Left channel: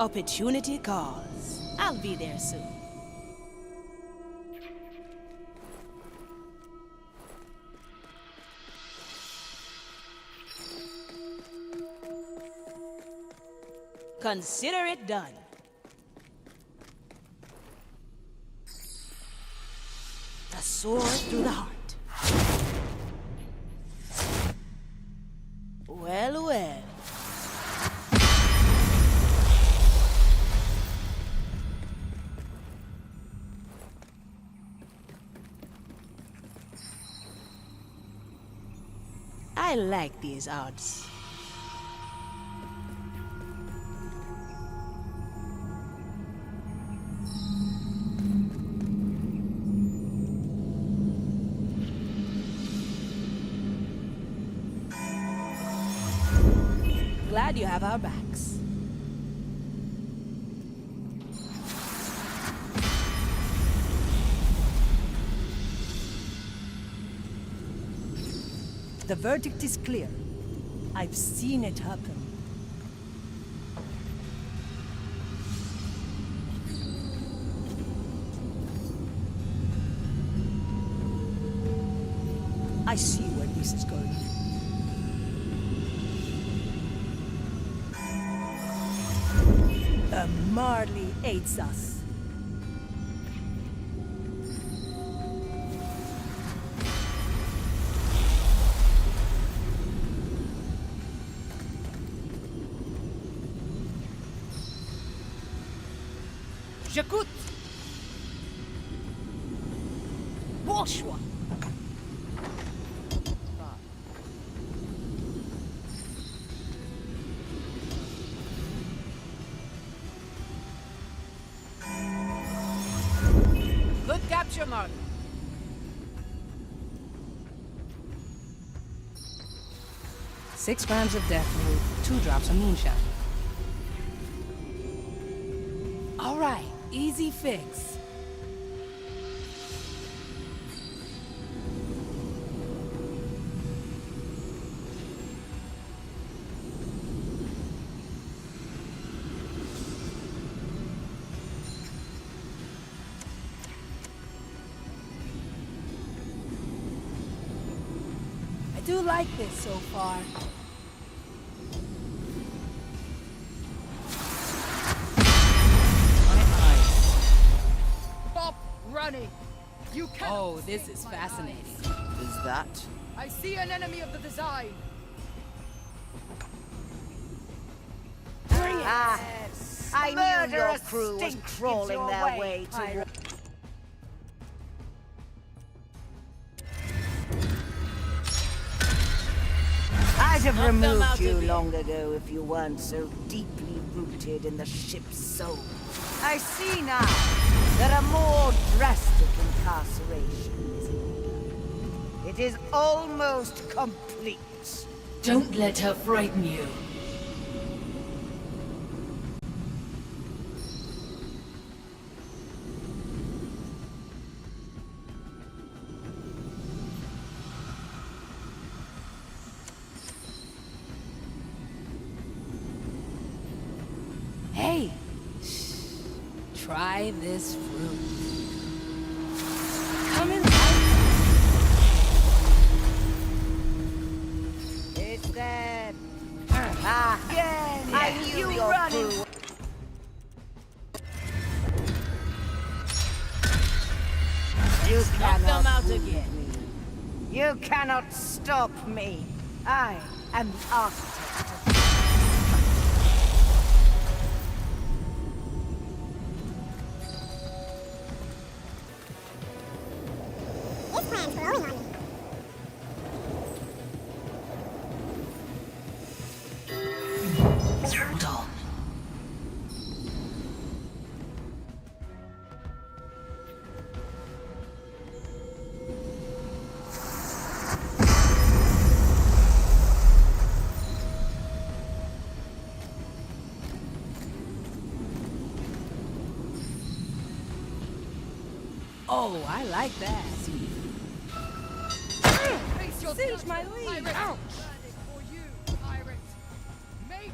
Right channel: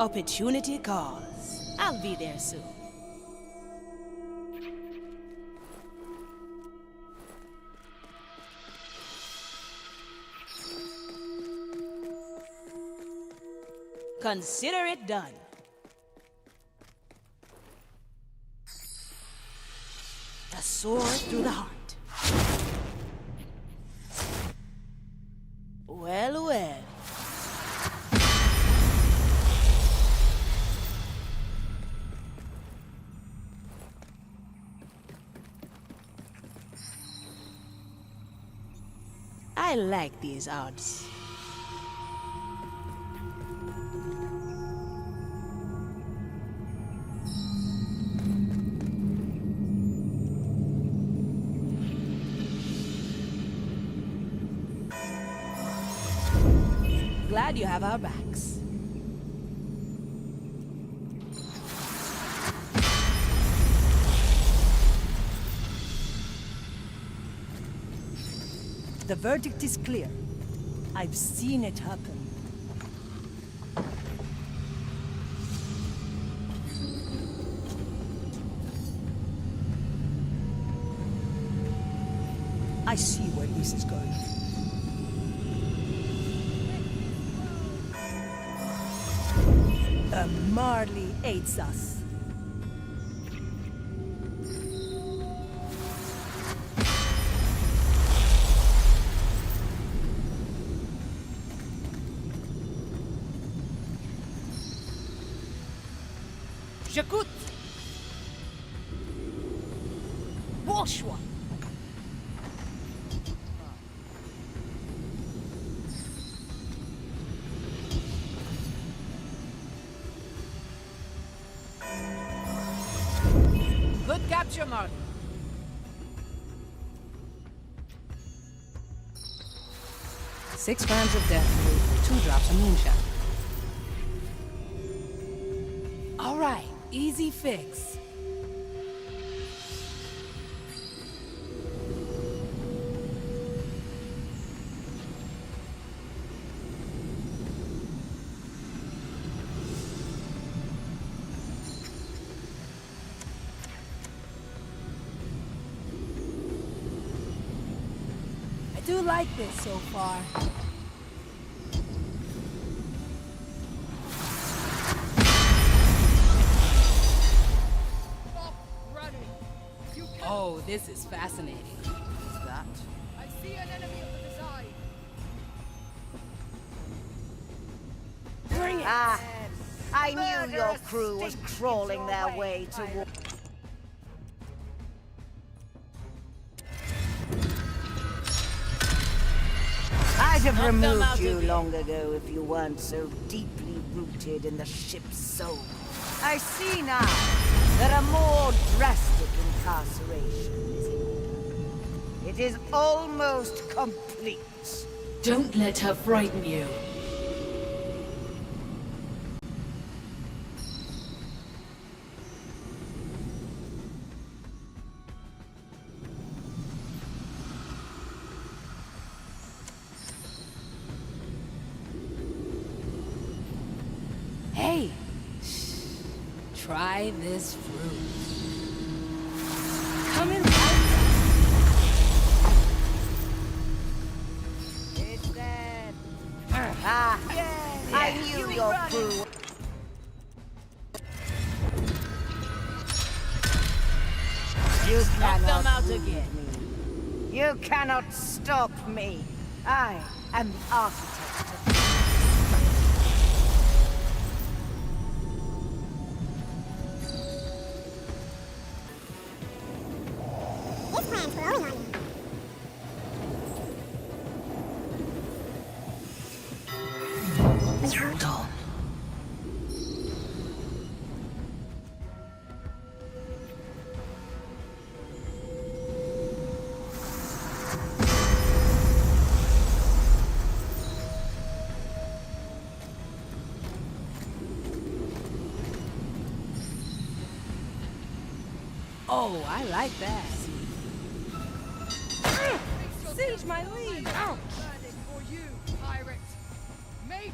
Opportunity calls. I'll be there soon. Consider it done. The sword through the heart. Well, well. I like these odds. Glad you have our backs. The verdict is clear. I've seen it happen. I see where this is going. Marley aids us. J'écoute. Bon choix. Good capture, Martin. Six grams of death root, 2 drops of moonshine. All right, easy fix. I do like this so far. Stop running! You can't. Oh, this is fascinating. Is that? I see an enemy of the design. Bring it. I knew your crew was crawling their way toward... I'd have Knock them removed out you again. long ago if you weren't so deeply rooted in the ship's soul. I see now that a more drastic incarceration is in order. It is almost complete. Don't let her frighten you. Hey, try this fruit. Coming right It's that... I knew your crew... You Knock them cannot out wound again. me. You cannot stop me. I am the architect of... His plans were owing on me. Dull. Oh, I like that. Face your Siege my lead. Ouch! Burning for you, pirate. Make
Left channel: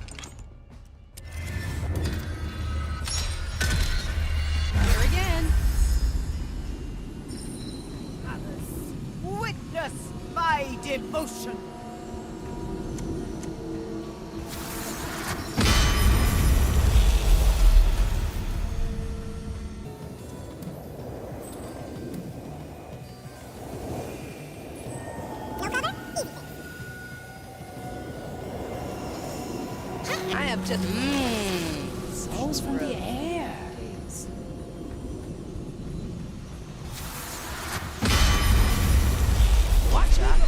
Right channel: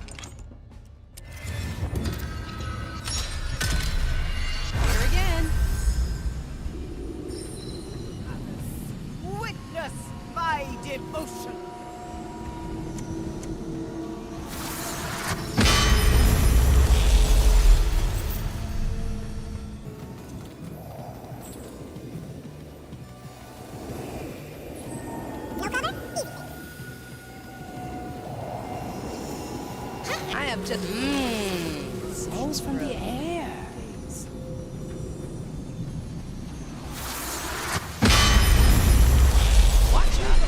devotion. No cover? Easy. I have just souls from the air. Watch out.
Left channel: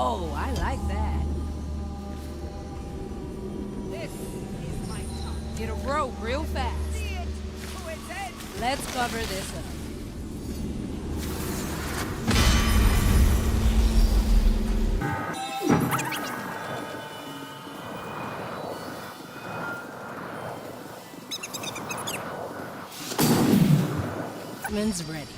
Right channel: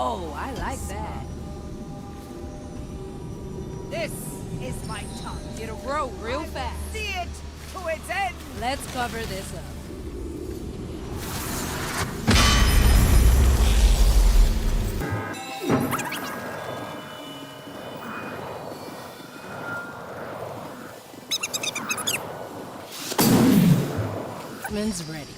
Oh, I like that. This is my tongue. It'll grow real fast. See it to its end. Let's cover this up. Man's ready.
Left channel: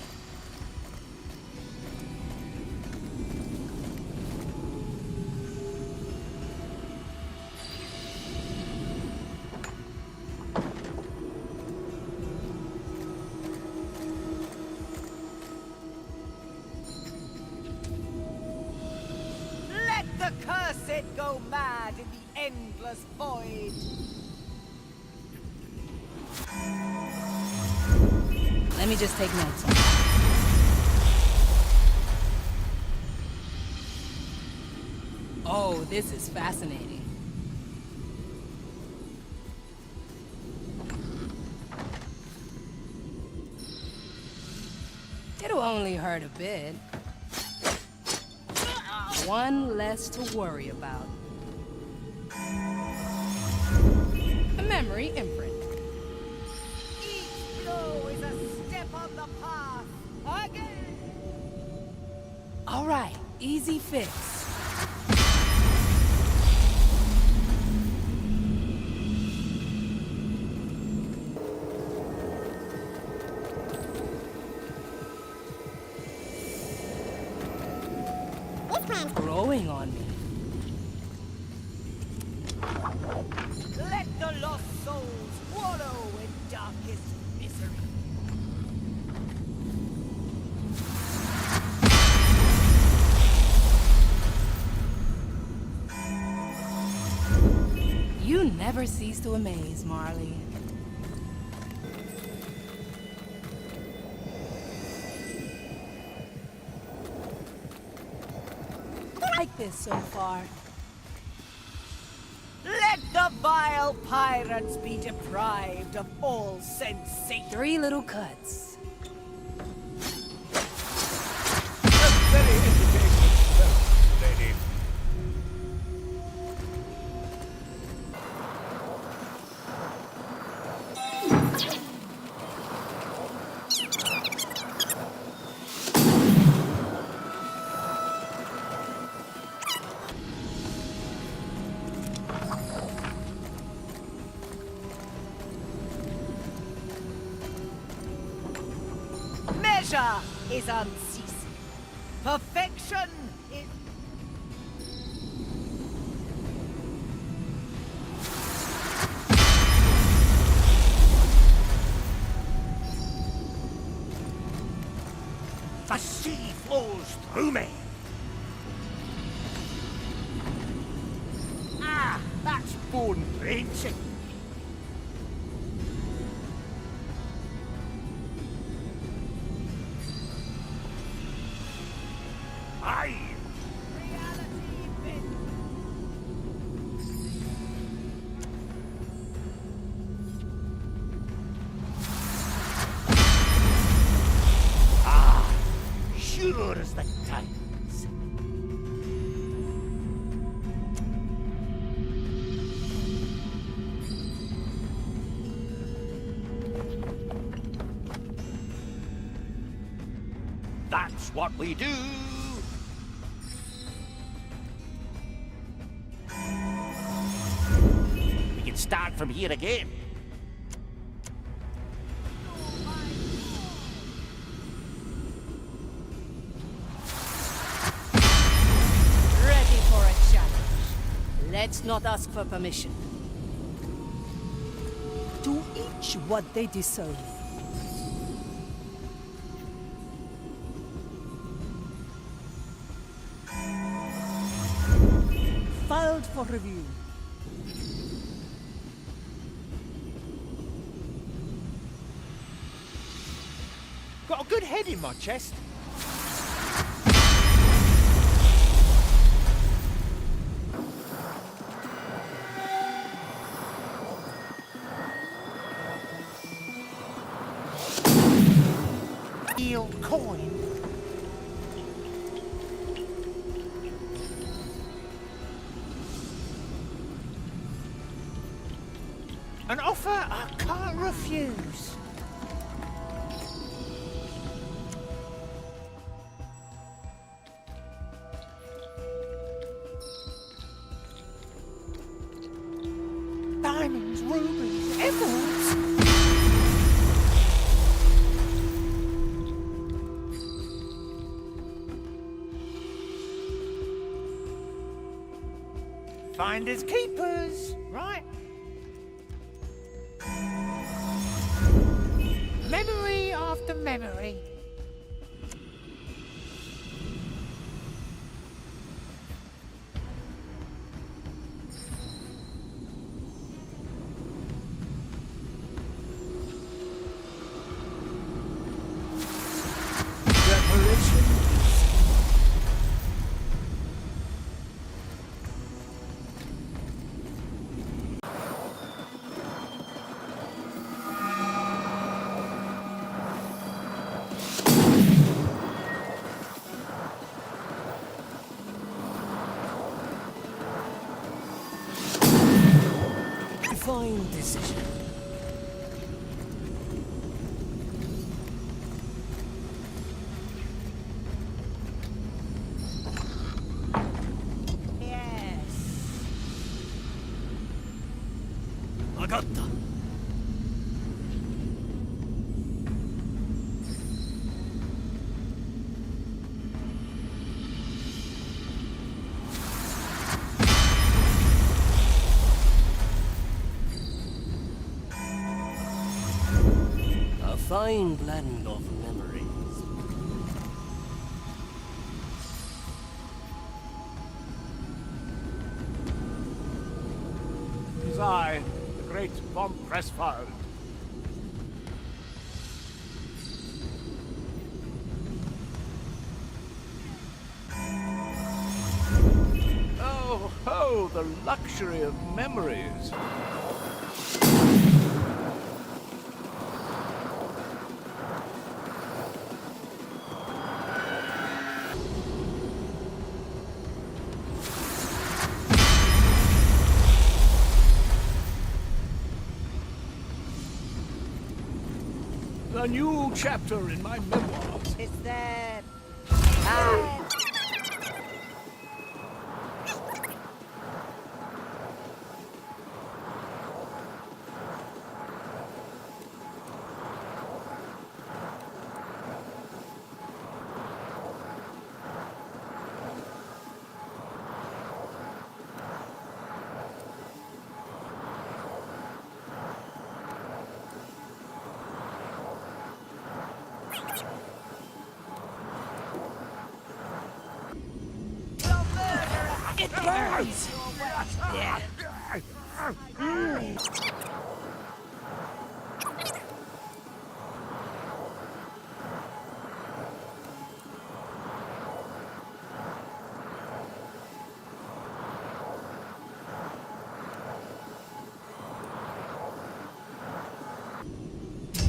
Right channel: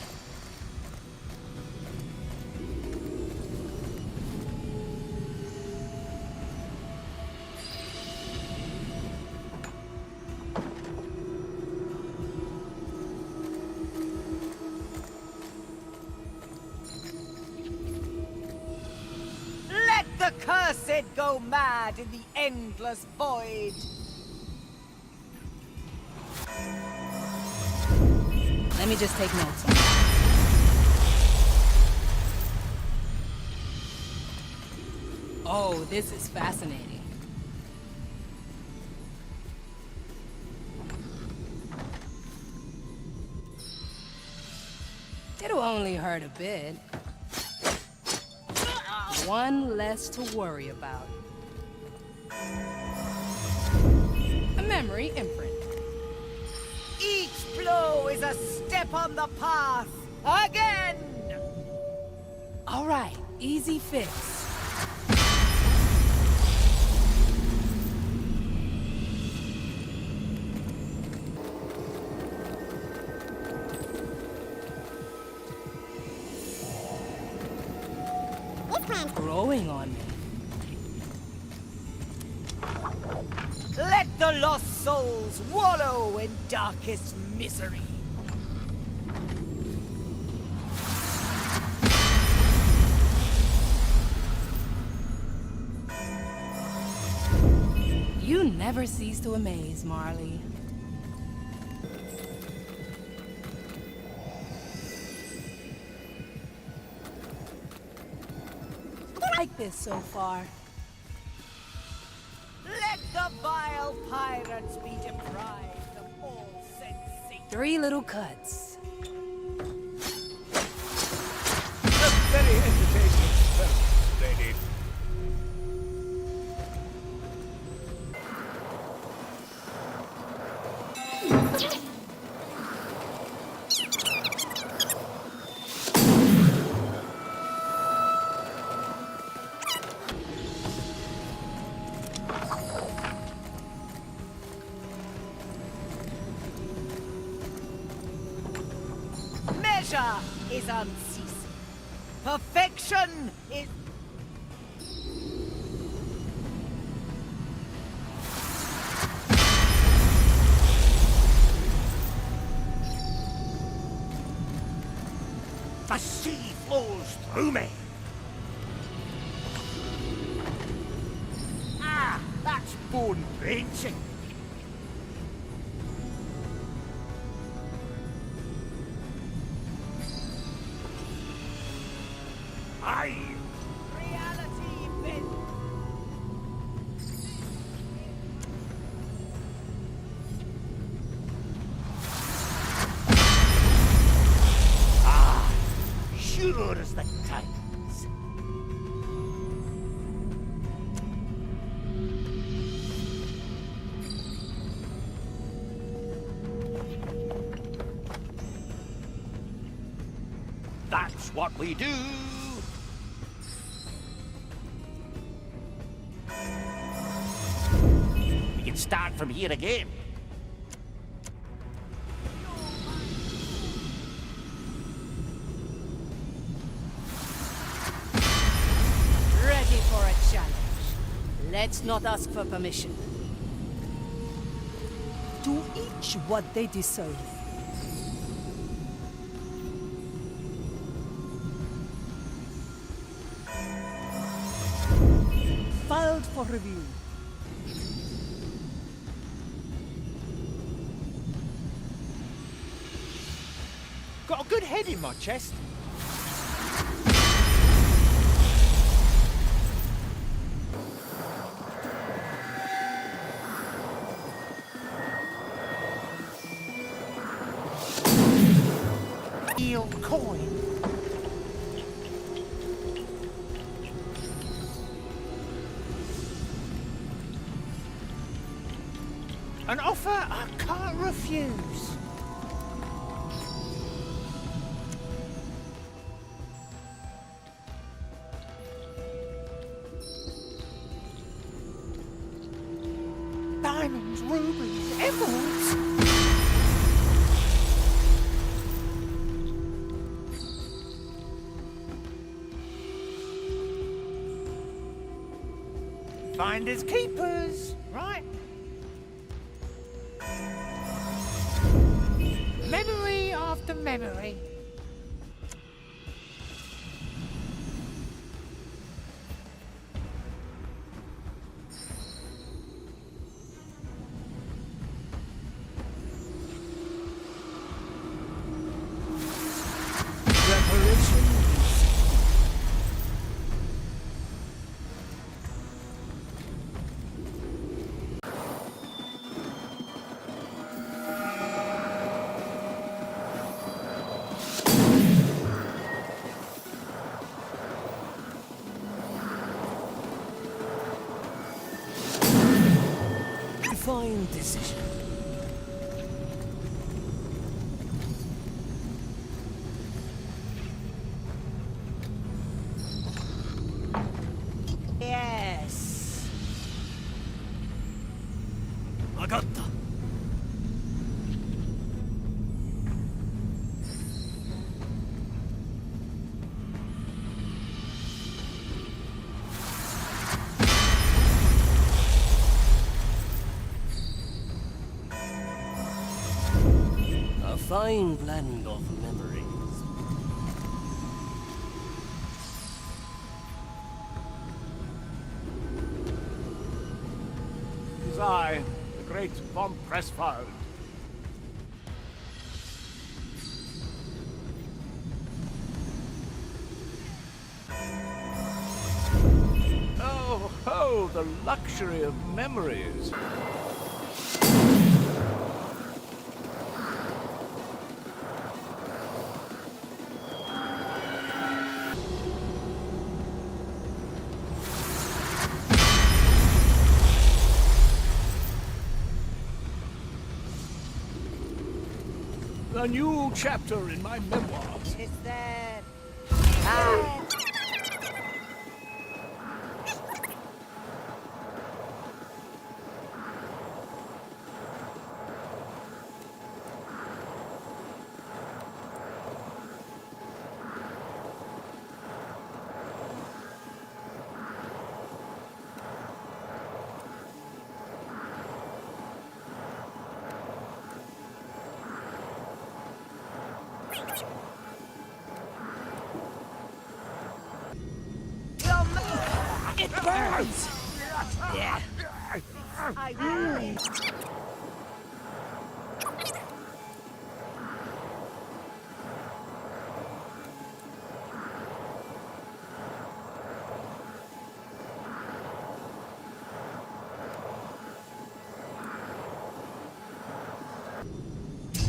Let the cursed go mad in the endless void. Let me just take notes on that. Oh, this is fascinating. It'll only hurt a bit. One less to worry about. A memory imprint. Each blow is a step on the path. Again. All right, easy fix. This plan's Growing on me. Let the lost souls wallow in darkest misery. You never cease to amaze, Marley. I like this so far. Let the vile pirates be deprived of all sensation. 3 little cuts. A very entertaining experiment, lady. Measure is unceasing. Perfection is... The sea flows through me. Ah, that's bone wrenching. Aye. reality bent. Sure as the tides. That's what we do. We can start from here again. for a challenge. Let's not ask for permission. To each what they deserve. Filed for review. Got a good head in my chest. Yield coin. An offer I can't refuse. Diamonds, rubies, emeralds. Finders keepers, right? Memory after memory. Fine decision. Yes. Agatta. A fine blend of memories. It is I, the great von Pressfeld. Oh, ho, the luxury of memories. A new chapter in my memoirs. Is there... It burns! Yeah.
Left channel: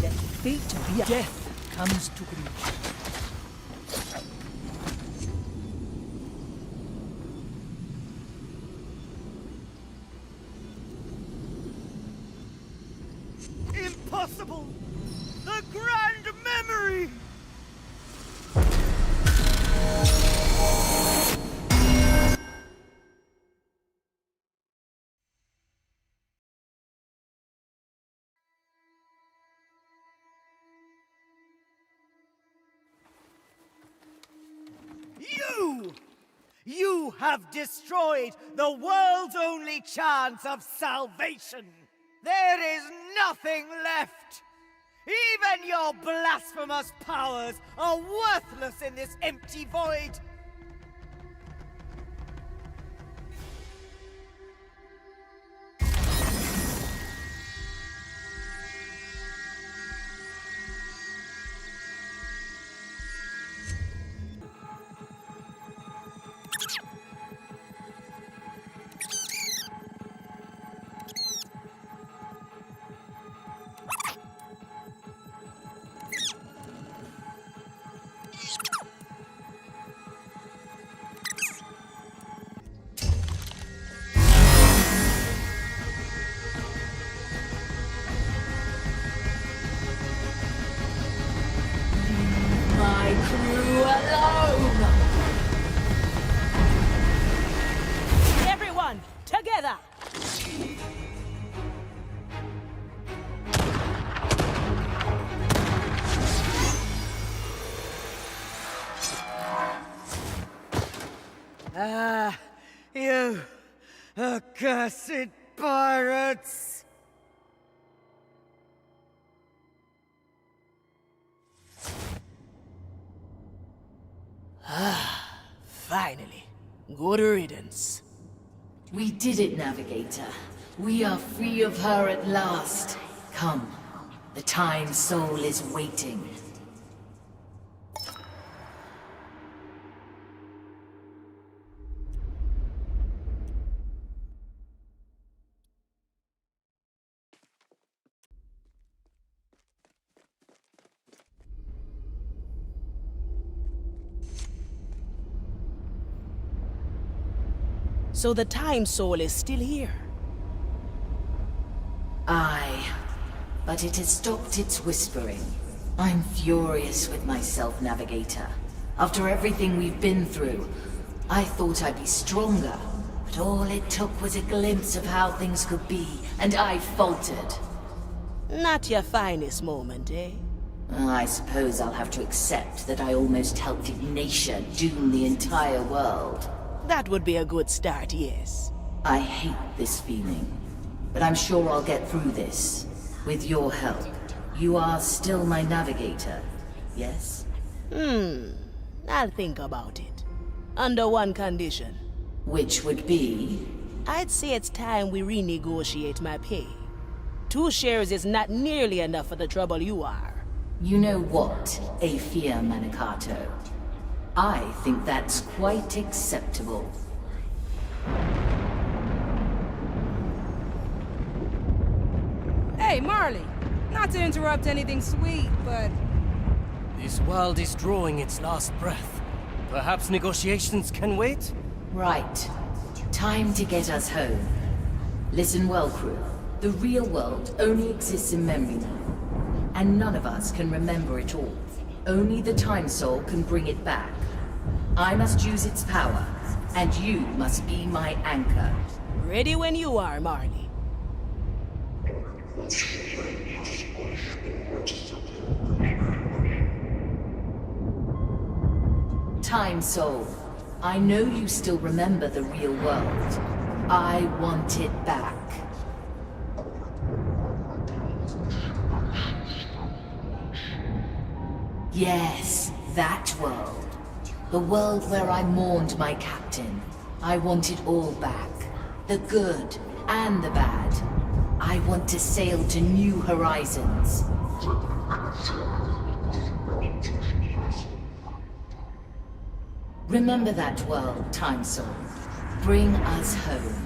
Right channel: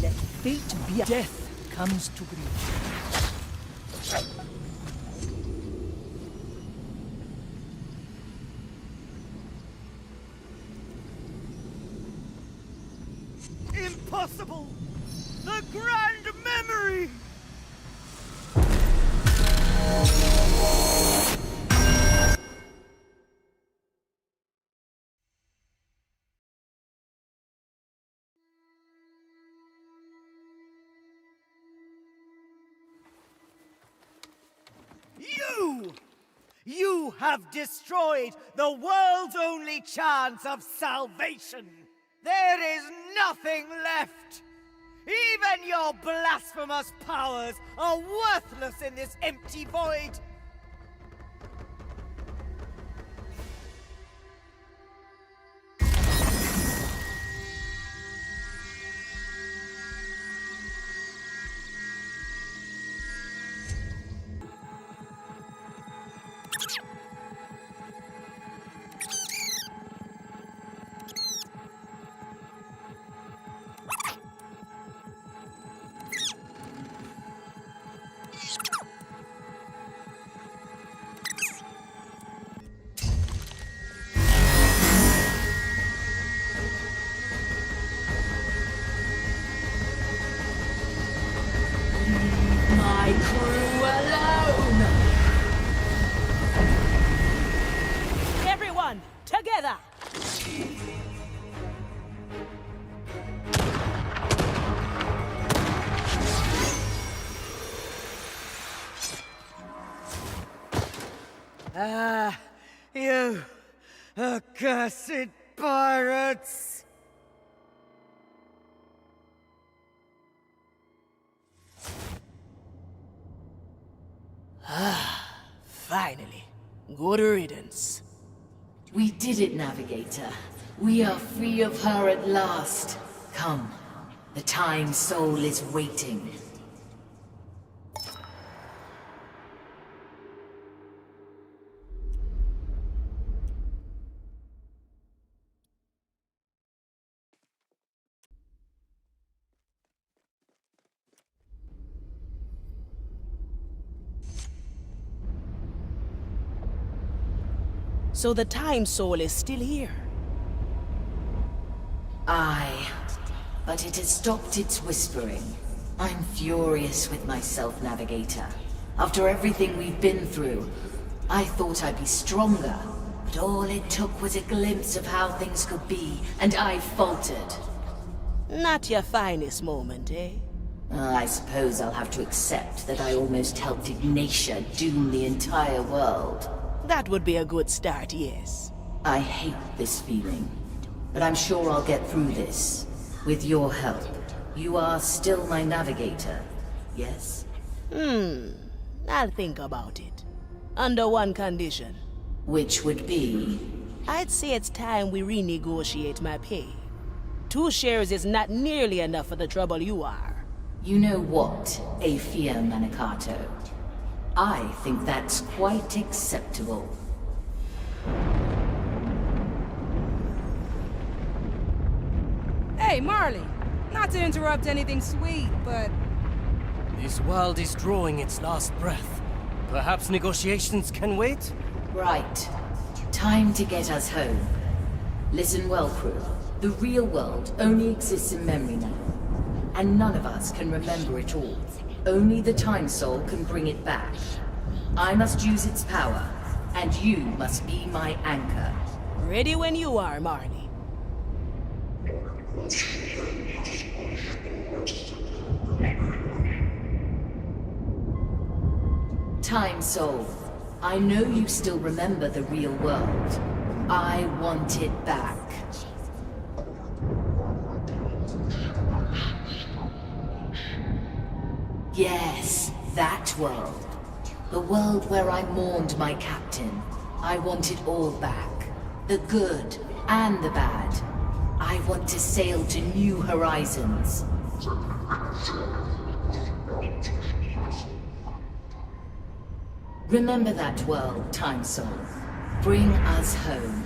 Let fate be. Death comes to greet you. Impossible! The grand memory! You You have destroyed the world's only chance of salvation. There is nothing left. Even your blasphemous powers are worthless in this empty void. Everyone, together! You accursed pirates! Finally. Good riddance. We did it, Navigator. We are free of her at last. Come, the Time Soul is waiting. So the Time Soul is still here. Aye, but it has stopped its whispering. I'm furious with myself, Navigator. After everything we've been through, I thought I'd be stronger. But all it took was a glimpse of how things could be, and I faltered. Not your finest moment, eh? I suppose I'll have to accept that I almost helped Ignacje doom the entire world. That would be a good start, yes. I hate this feeling, but I'm sure I'll get through this. With your help. You are still my navigator, yes? I'll think about it. Under one condition. Which would be? I'd say it's time we renegotiate my pay. 2 shares is not nearly enough for the trouble you are. You know what, Afia Manicato? I think that's quite acceptable. Hey, Marley. Not to interrupt anything sweet, but This world is drawing its last breath. Perhaps negotiations can wait? Right. Time to get us home. Listen well, crew. The real world only exists in memory now. And none of us can remember it all. Only the Time Soul can bring it back. I must use its power, and you must be my anchor. Ready when you are, Marley. Time Soul, I know you still remember the real world. I want it back. Yes, that world. The world where I mourned my captain. I want it all back. The good and the bad. I want to sail to new horizons. Remember that world, Time Soul. Bring us home.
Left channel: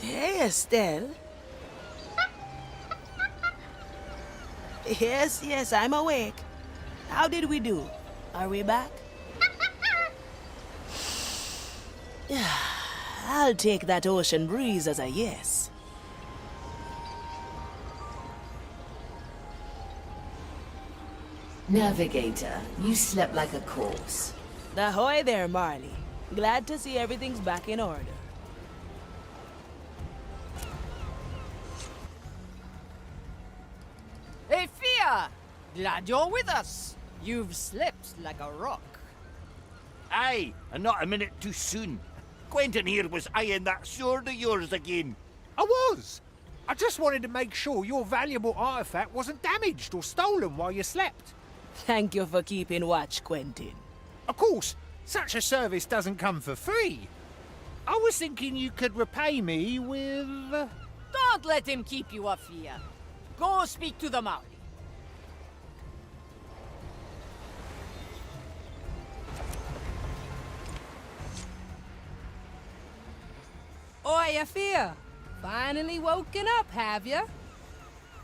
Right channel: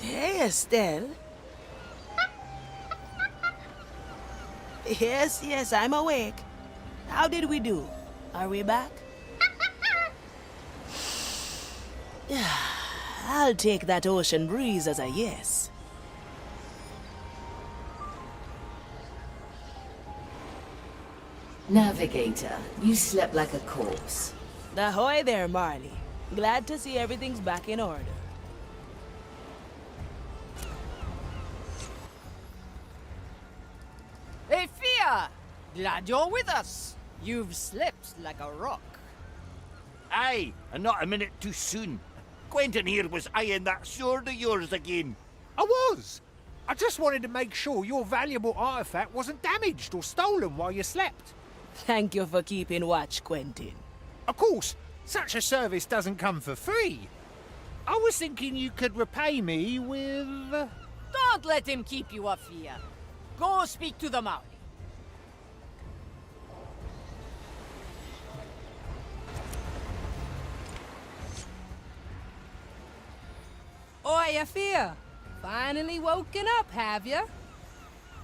Hey, Estelle. Yes, yes, I'm awake. How did we do? Are we back? I'll take that ocean breeze as a yes. Navigator, you slept like a corpse. Ahoy there, Marley. Glad to see everything's back in order. Hey, Fia! Glad you're with us. You've slept like a rock. Aye, and not a minute too soon. Quentin here was eyeing that sword of yours again. I was. I just wanted to make sure your valuable artifact wasn't damaged or stolen while you slept. Thank you for keeping watch, Quentin. Of course, such a service doesn't come for free. I was thinking you could repay me with... Don't let him keep you up, Fia. Go speak to the Maori. Oi, Afia! Finally woken up, have ya?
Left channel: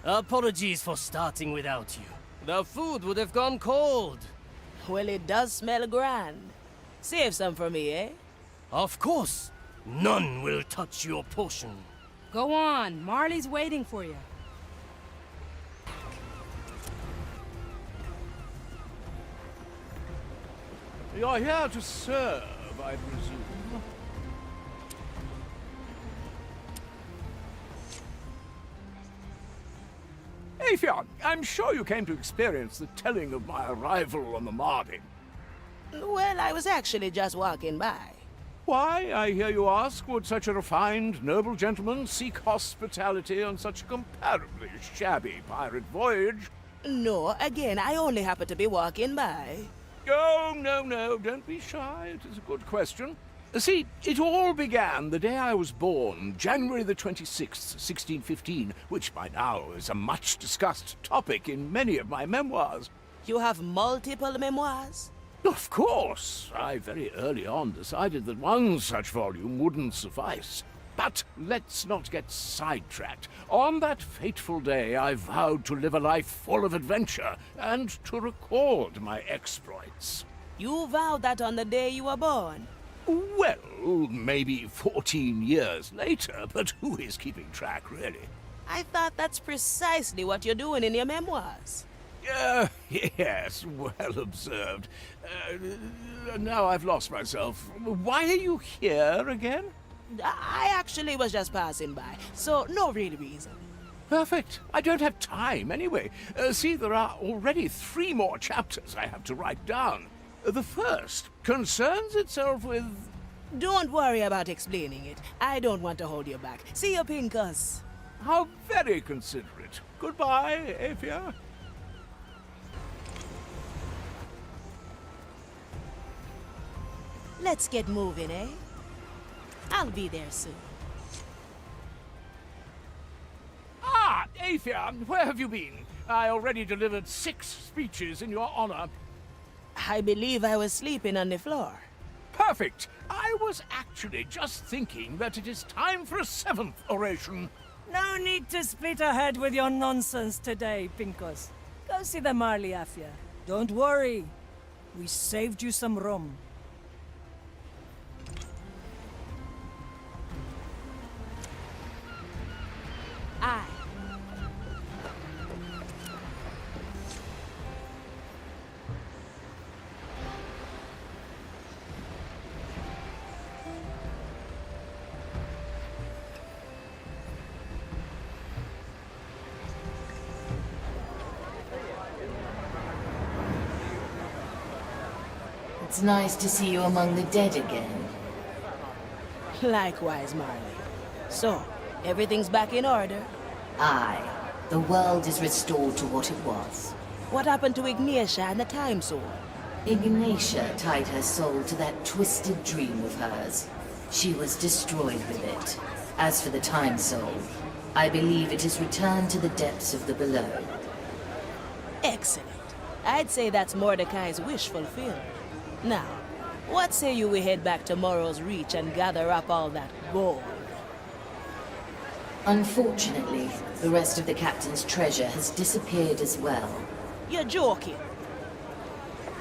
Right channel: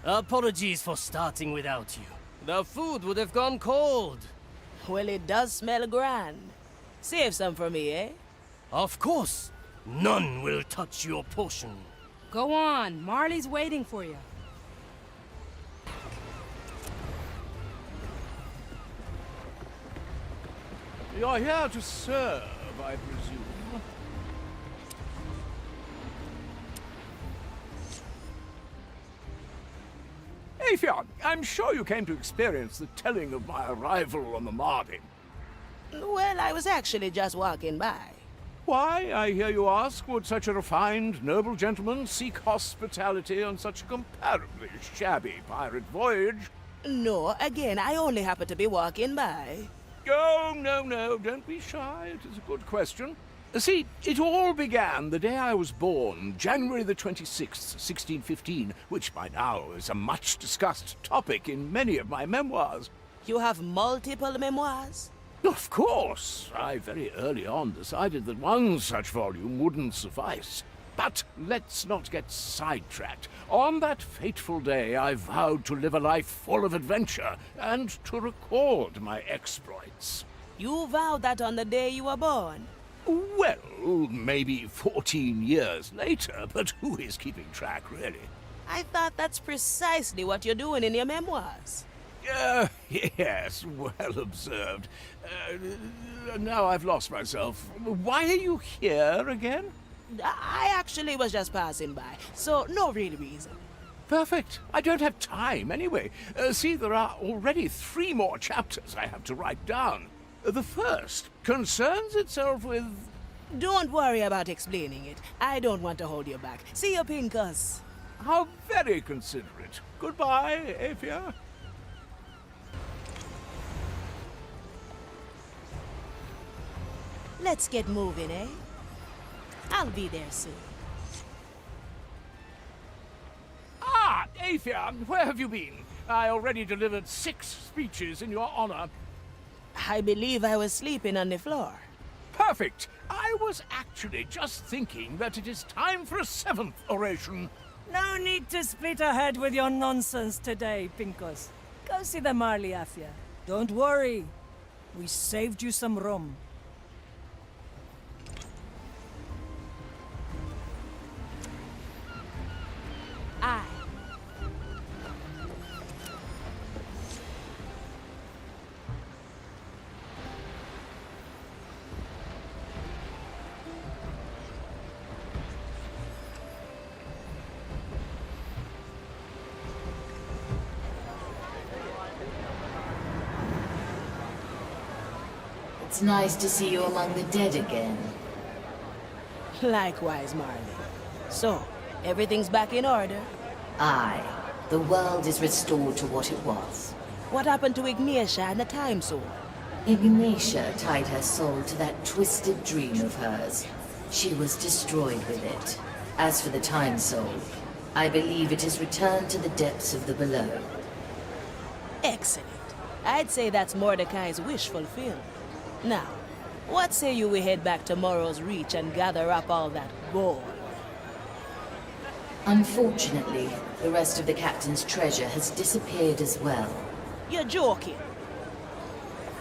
Apologies for starting without you. The food would have gone cold. Well, it does smell grand. Save some for me, eh? Of course. None will touch your portion. Go on, Marley's waiting for you. You're here to serve, I presume. Afion, I'm sure you came to experience the telling of my arrival on the Mardi. Well, I was actually just walking by. Why, I hear you ask, would such a refined, noble gentleman seek hospitality on such a comparably shabby pirate voyage? No, again, I only happened to be walking by. Oh, no, don't be shy. It is a good question. See, it all began the day I was born, January the 26th, 1615, which by now is a much-discussed topic in many of my memoirs. You have multiple memoirs? Of course. I very early on decided that one such volume wouldn't suffice. But let's not get sidetracked. On that fateful day, I vowed to live a life full of adventure and to record my exploits. You vowed that on the day you were born? Well, maybe 14 years later, but who is keeping track, really? I thought that's precisely what you're doing in your memoirs. Yes, well observed. Now I've lost myself. Why are you here again? I actually was just passing by, so no real reason. Perfect. I don't have time anyway. See, there are already 3 more chapters I have to write down. The first concerns itself with... Don't worry about explaining it. I don't want to hold you back. See you, Pincus. How very considerate. Goodbye, Afia. Let's get moving, eh? I'll be there soon. Ah, Afia, where have you been? I already delivered 6 speeches in your honor. I believe I was sleeping on the floor. Perfect. I was actually just thinking that it is time for a 7th oration. No need to split ahead with your nonsense today, Pincus. Go see the Marley, Afia. Don't worry. We saved you some rum. Aye. It's nice to see you among the dead again. Likewise, Marley. So, everything's back in order? Aye. The world is restored to what it was. What happened to Ignacje and the time sword? Ignacje tied her soul to that twisted dream of hers. She was destroyed with it. As for the time soul, I believe it is returned to the depths of the below. Excellent. I'd say that's Mordecai's wish fulfilled. Now, what say you we head back to Morrow's Reach and gather up all that gold? Unfortunately, The rest of the captain's treasure has disappeared as well. You're joking.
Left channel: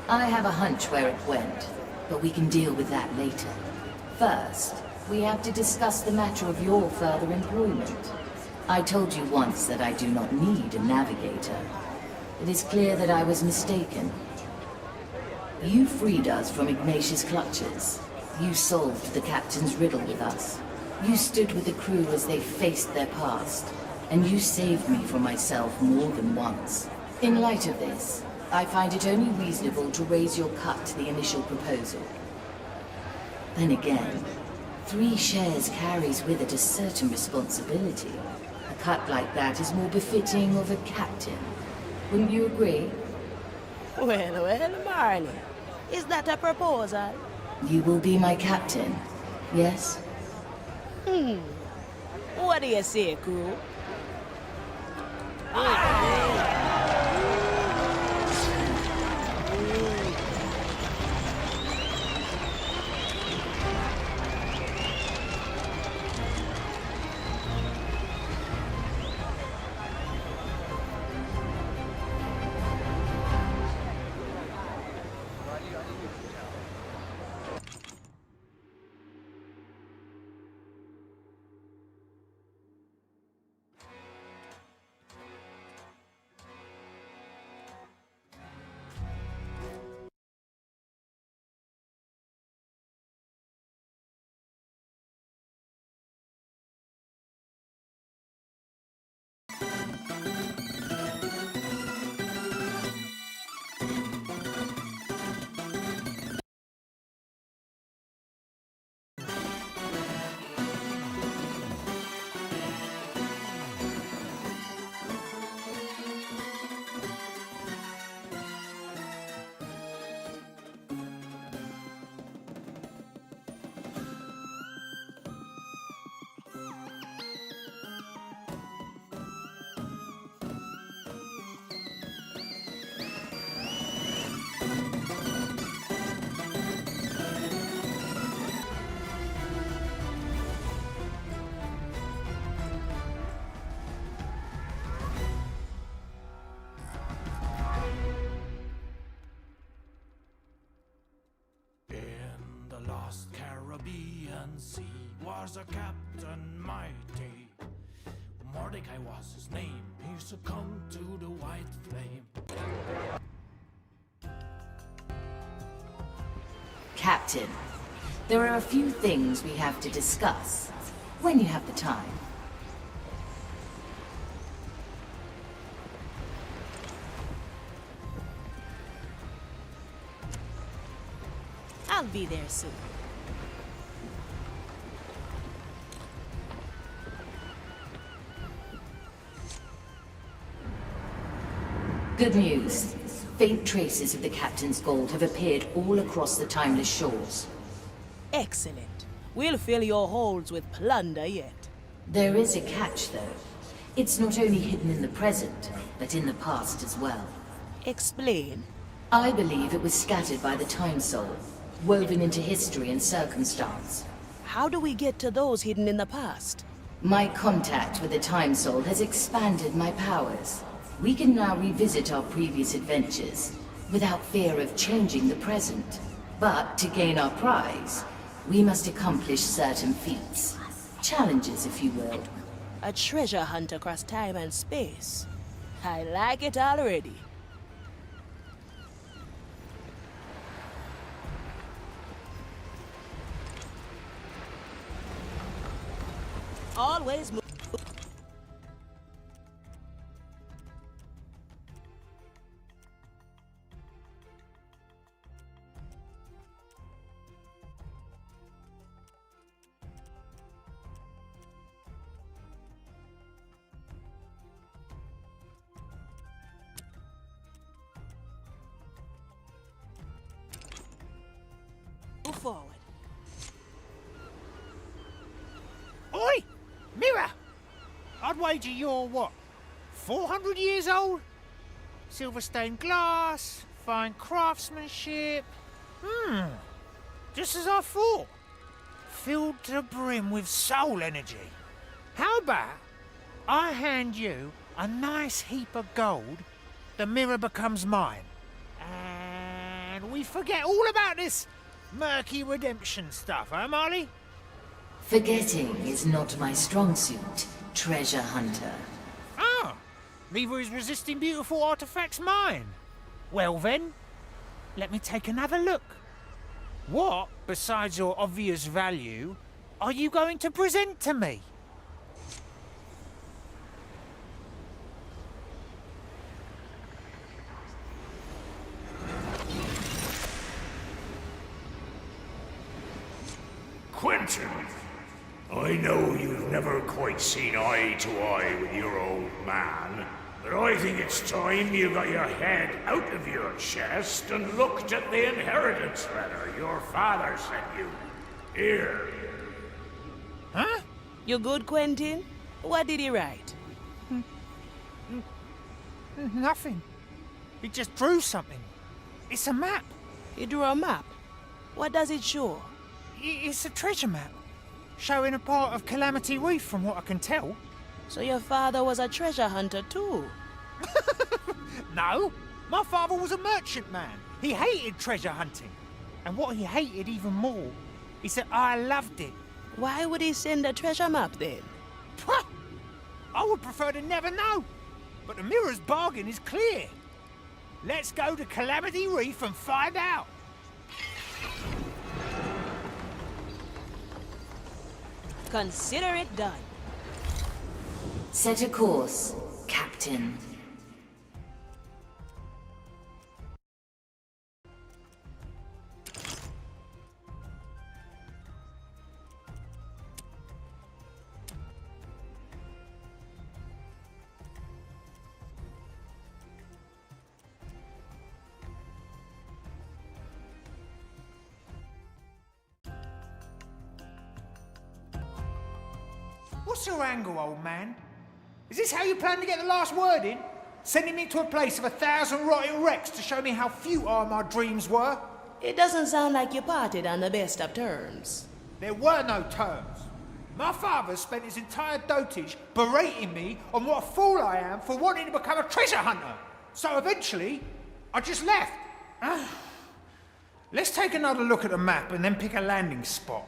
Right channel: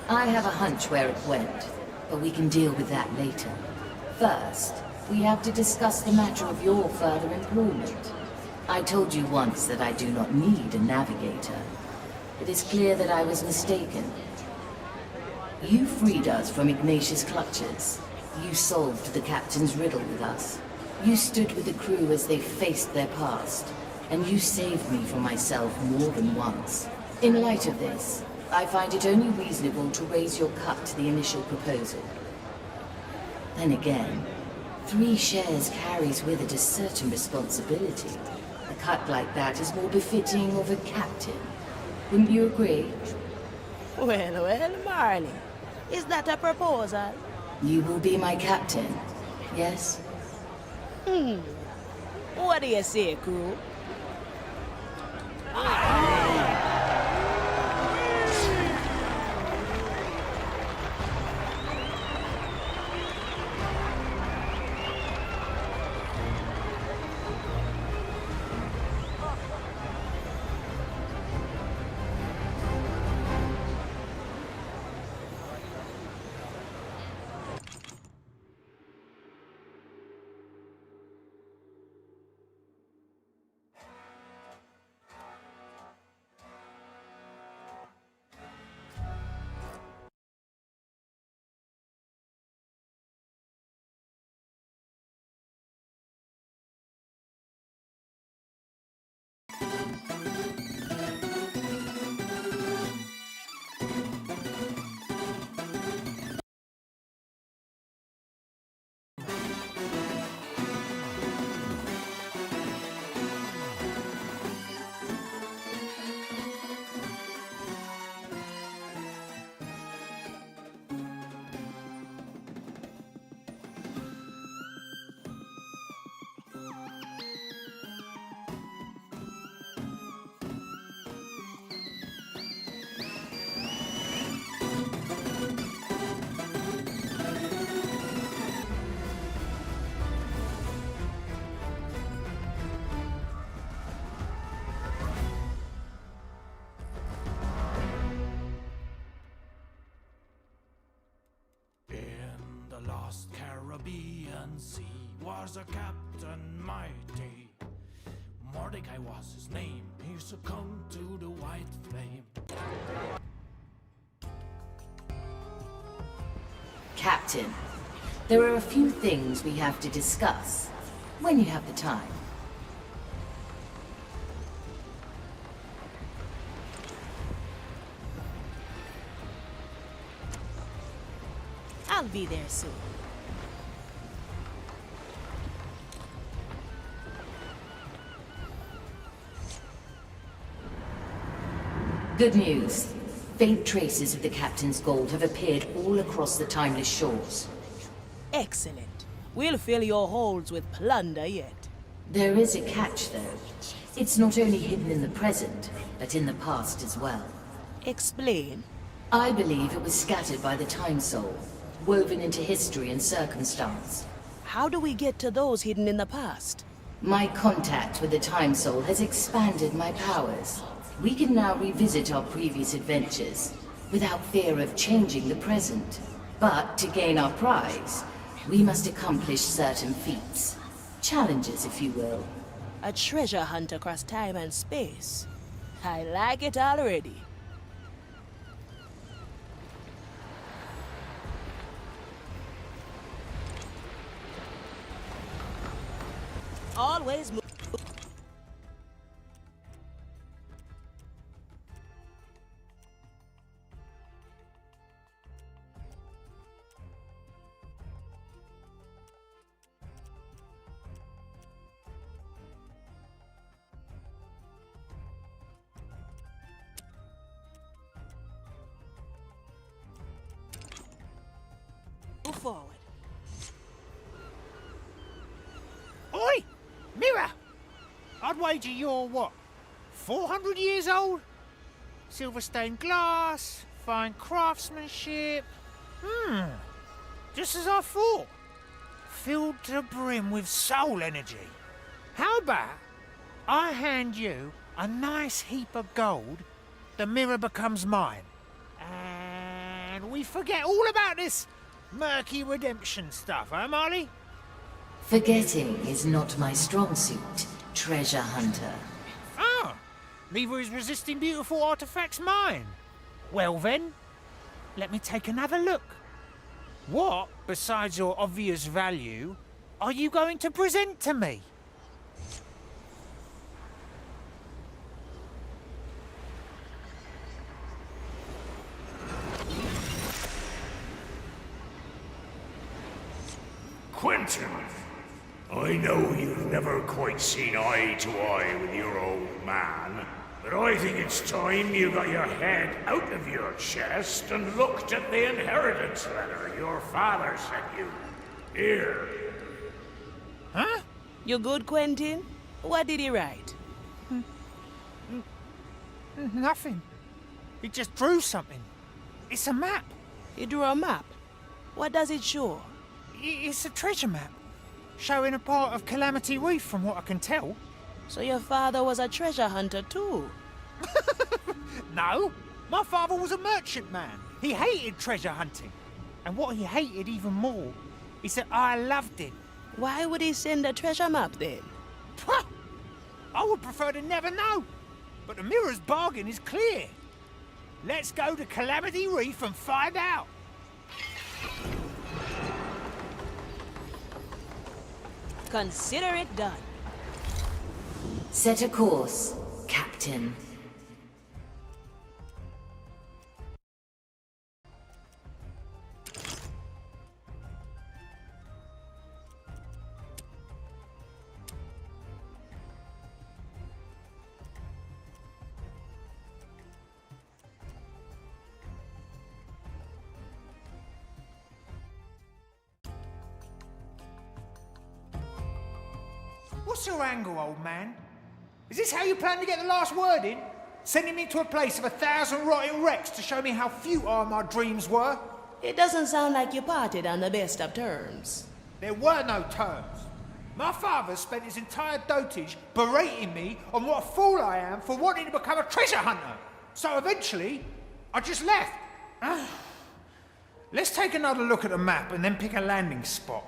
I have a hunch where it went, but we can deal with that later. First, we have to discuss the matter of your further employment. I told you once that I do not need a navigator. It is clear that I was mistaken. You freed us from Ignacje's clutches. You solved the captain's riddle with us. You stood with the crew as they faced their past. And you saved me from myself more than once. In light of this, I find it only reasonable to raise your cut to the initial proposal. Then again, 3 shares carries with it a certain responsibility. A cut like that is more befitting of a captain. Wouldn't you agree? Well, Marley. Is that a proposal? You will be my captain, yes? What do you say, crew? Lost Caribbean Sea was a captain mighty. Mordecai was his name. He succumbed to the white flame. Captain, there are a few things we have to discuss, when you have the time. I'll be there soon. Good news. Faint traces of the captain's gold have appeared all across the timeless shores. Excellent. We'll fill your holds with plunder yet. There is a catch, though. It's not only hidden in the present, but in the past as well. Explain. I believe it was scattered by the Time Soul, woven into history and circumstance. How do we get to those hidden in the past? My contact with the Time Soul has expanded my powers. We can now revisit our previous adventures, without fear of changing the present. But to gain our prize, we must accomplish certain feats. Challenges, if you will. A treasure hunt across time and space. I like it already. Always move. Move forward. Oi! Mirror! I'd wager you're, what, 400 years old? Silver stained glass, fine craftsmanship. Just as I thought. Filled to the brim with soul energy. How about I hand you a nice heap of gold, the mirror becomes mine. And we forget all about this murky redemption stuff, huh, Marley? Forgetting is not my strong suit, treasure hunter. Ah, neither is resisting beautiful artifacts mine. Well then, let me take another look. What, besides your obvious value, are you going to present to me? Quentin, I know you've never quite seen eye to eye with your old man, but I think it's time you got your head out of your chest and looked at the inheritance letter your father sent you. Here. Huh? You good, Quentin? What did he write? Nothing. He just drew something. It's a map. He drew a map. What does it show? It's a treasure map, showing a part of Calamity Reef from what I can tell. So your father was a treasure hunter too? No, my father was a merchant man. He hated treasure hunting. And what he hated even more is that I loved it. Why would he send a treasure map then? I would prefer to never know. But the mirror's bargain is clear. Let's go to Calamity Reef and find out. Consider it done. Set a course, Captain. What's your angle, old man? Is this how you plan to get the last word in? Sending me to a place of 1,000 rotting wrecks to show me how futile my dreams were? It doesn't sound like you parted on the best of terms. There were no terms. My father spent his entire dotage berating me on what a fool I am for wanting to become a treasure hunter. So eventually, I just left. Let's take another look at the map and then pick a landing spot.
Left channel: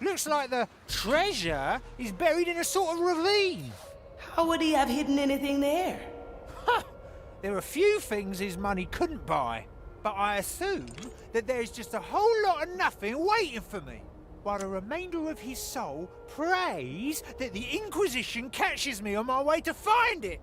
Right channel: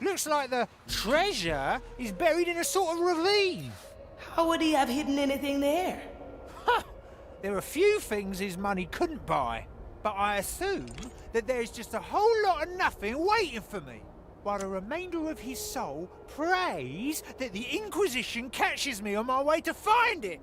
Looks like the treasure is buried in a sort of ravine. How would he have hidden anything there? There are a few things his money couldn't buy, but I assume that there's just a whole lot of nothing waiting for me, while the remainder of his soul prays that the Inquisition catches me on my way to find it.